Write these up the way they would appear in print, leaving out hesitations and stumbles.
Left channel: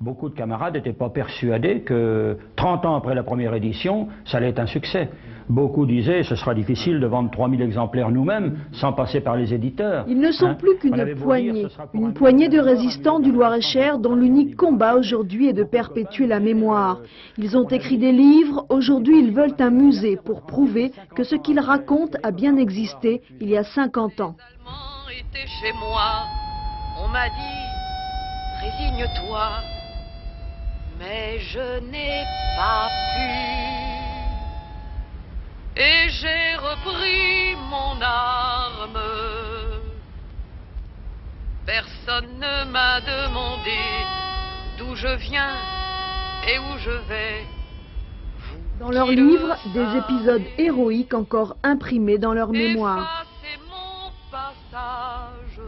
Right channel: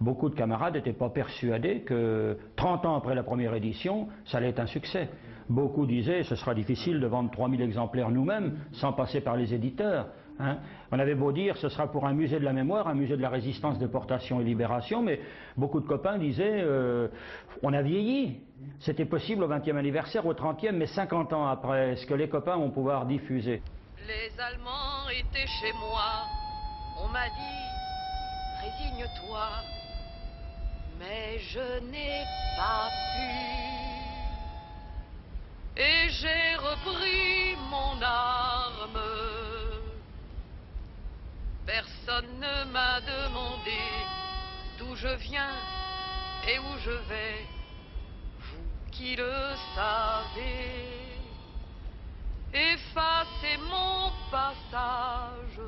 Beaucoup de camarades n'étaient pas persuadés que 30 ans après la première édition, ça allait être un succès. Beaucoup disaient ce sera difficile de vendre 3000 exemplaires nous-mêmes sans passer par les éditeurs. Ils ne sont plus qu'une poignée de résistants du Loir-et-Cher dont l'unique combat aujourd'hui est de perpétuer la mémoire. Ils ont écrit des livres, aujourd'hui ils veulent un musée pour prouver que ce qu'ils racontent a bien existé il y a 50 ans. Les Allemands étaient chez moi, on m'a dit résigne-toi, mais je n'ai pas pu. Et j'ai repris mon arme. Personne ne m'a demandé d'où je viens et où je vais. Dans leurs livres, des épisodes héroïques encore imprimés dans leur mémoire. Effacez mon passage.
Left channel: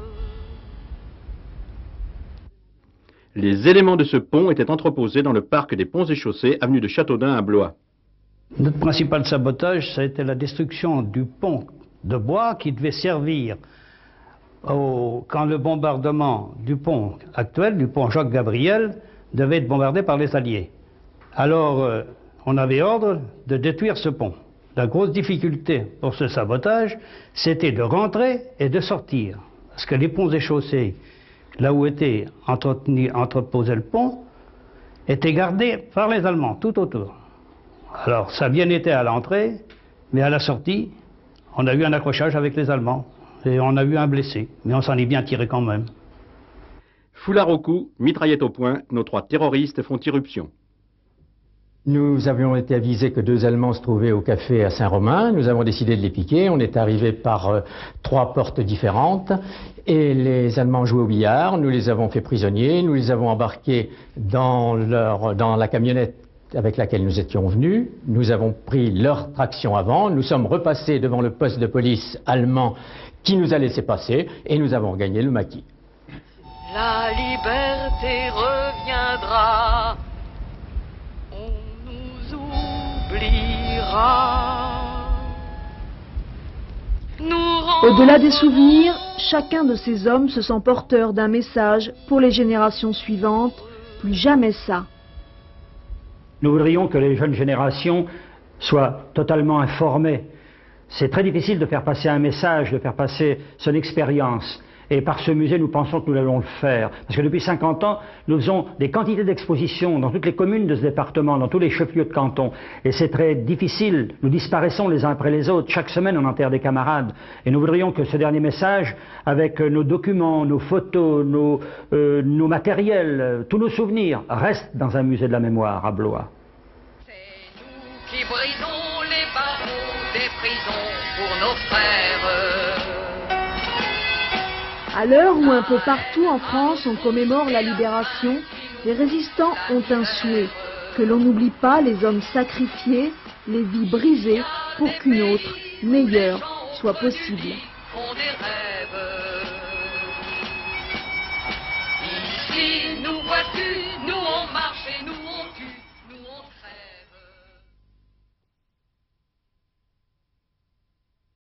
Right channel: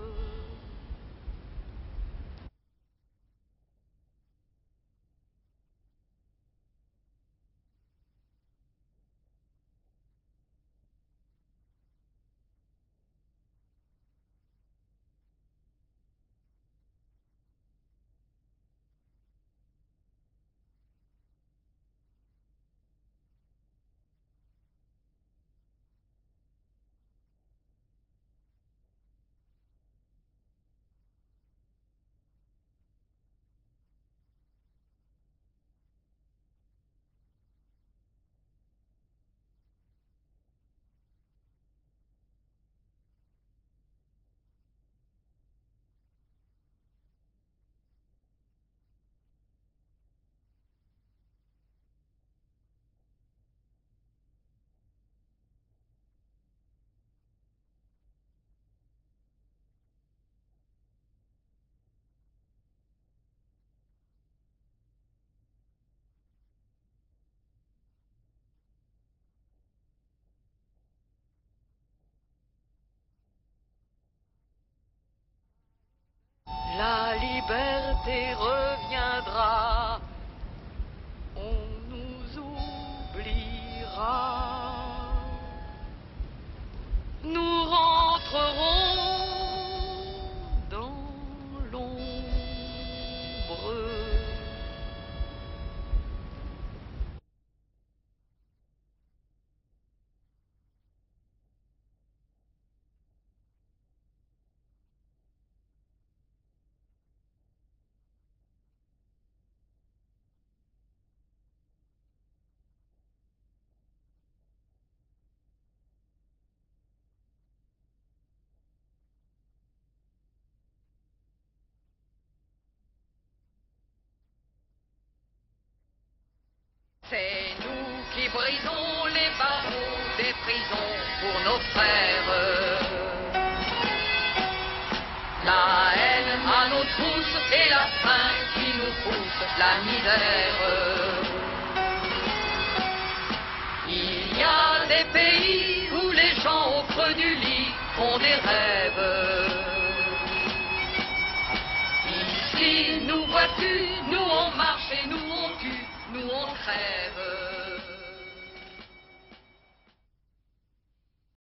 Les éléments de ce pont étaient entreposés dans le parc des Ponts et Chaussées, avenue de Châteaudun à Blois. Notre principal sabotage, ça a été la destruction du pont de bois qui devait servir quand le bombardement du pont actuel, du pont Jacques-Gabriel, devait être bombardé par les Alliés. Alors, on avait ordre de détruire ce pont. La grosse difficulté pour ce sabotage, c'était de rentrer et de sortir. Parce que les ponts et chaussées, là où était entreposé le pont, étaient gardés par les Allemands, tout autour. Alors, ça a bien été à l'entrée, mais à la sortie, on a eu un accrochage avec les Allemands. Et on a eu un blessé, mais on s'en est bien tiré quand même. Foulard au cou, mitraillette au poing, nos 3 terroristes font irruption. Nous avions été avisés que 2 Allemands se trouvaient au café à Saint-Romain. Nous avons décidé de les piquer. On est arrivé par 3 portes différentes. Et les Allemands jouaient au billard. Nous les avons fait prisonniers. Nous les avons embarqués dans la camionnette avec laquelle nous étions venus. Nous avons pris leur traction avant. Nous sommes repassés devant le poste de police allemand qui nous a laissé passer. Et nous avons gagné le maquis. La liberté reviendra. On nous oubliera. Au-delà des souvenirs, chacun de ces hommes se sent porteur d'un message pour les générations suivantes. Plus jamais ça. Nous voudrions que les jeunes générations soient totalement informées. C'est très difficile de faire passer un message, de faire passer son expérience. Et par ce musée, nous pensons que nous allons le faire. Parce que depuis 50 ans, nous faisons des quantités d'expositions dans toutes les communes de ce département, dans tous les chefs-lieux de canton. Et c'est très difficile. Nous disparaissons les uns après les autres. Chaque semaine, on enterre des camarades. Et nous voudrions que ce dernier message, avec nos documents, nos photos, nos matériels, tous nos souvenirs, reste dans un musée de la mémoire à Blois. C'est nous qui brisons les barreaux des prisons pour nos frères. À l'heure où un peu partout en France on commémore la libération, les résistants ont un souhait, que l'on n'oublie pas les hommes sacrifiés, les vies brisées pour qu'une autre, meilleure, soit possible. Ici nous vois-tu